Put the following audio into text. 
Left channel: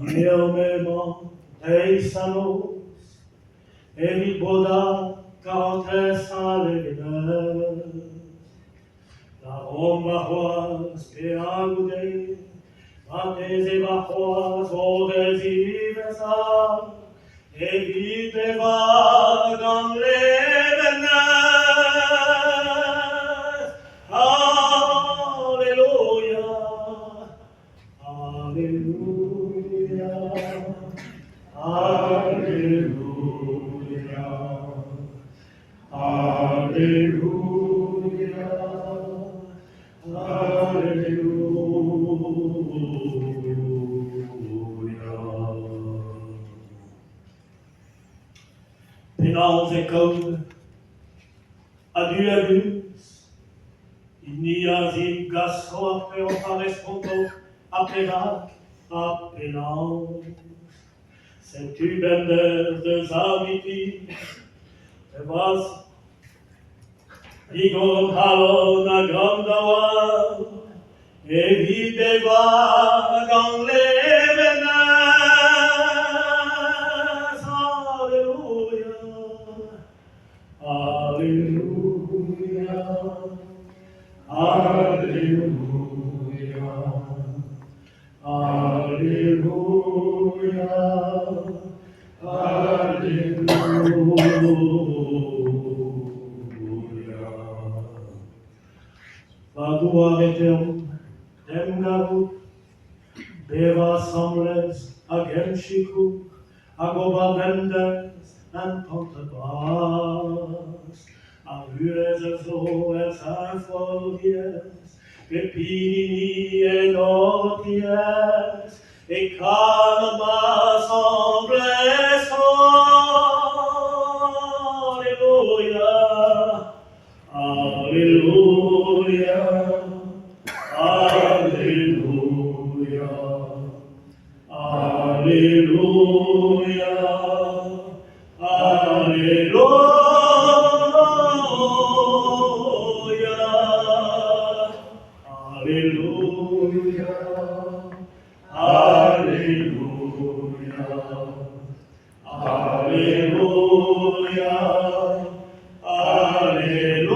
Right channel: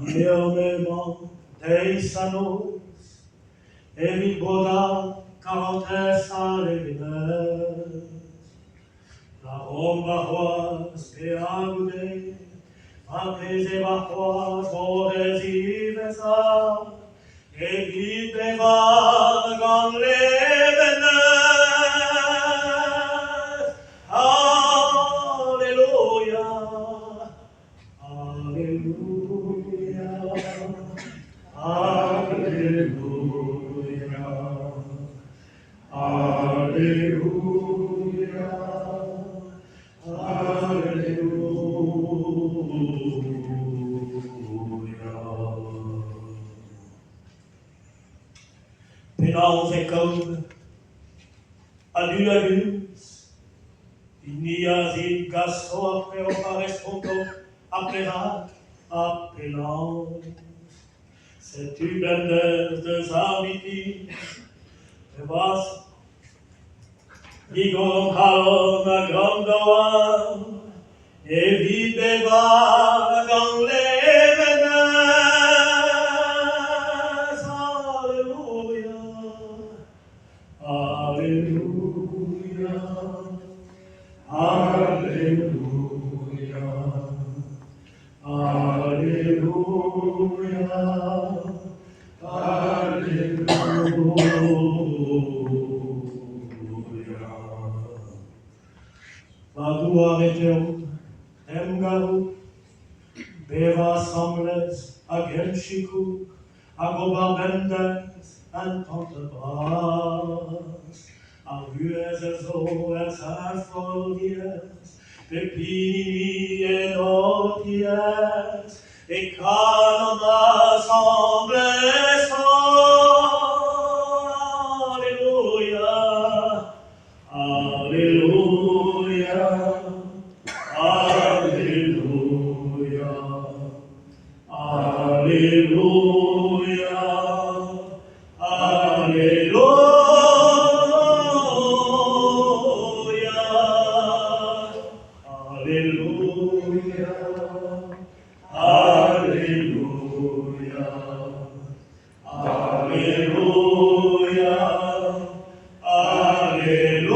Murmurement dei sanos, evit boda carantes alevinas, la romba hoas peagude, mates evacuas vodes ivesa, evit bevagan levenes. Alleluia, Alleluia, Alleluia, Alleluia, Alleluia. Pénals et codes, adulabus, igniasim gasto apeo paresponto, aperac, appelans, cet ubender des amiti, was digorum halon agrandawa, evit bevagan levenes. Alleluia, Alleluia, Alleluia, Alleluia, Alleluia. Vadua veterum, demgarut, beva sembles, agem chicu, agobarbendes, and contrebras, avues ezoes infodies, pepini et noties, et calma sembles. Alleluia, Alleluia, Alleluia, Alleluia, Alleluia, Alleluia, Alleluia, Alleluia.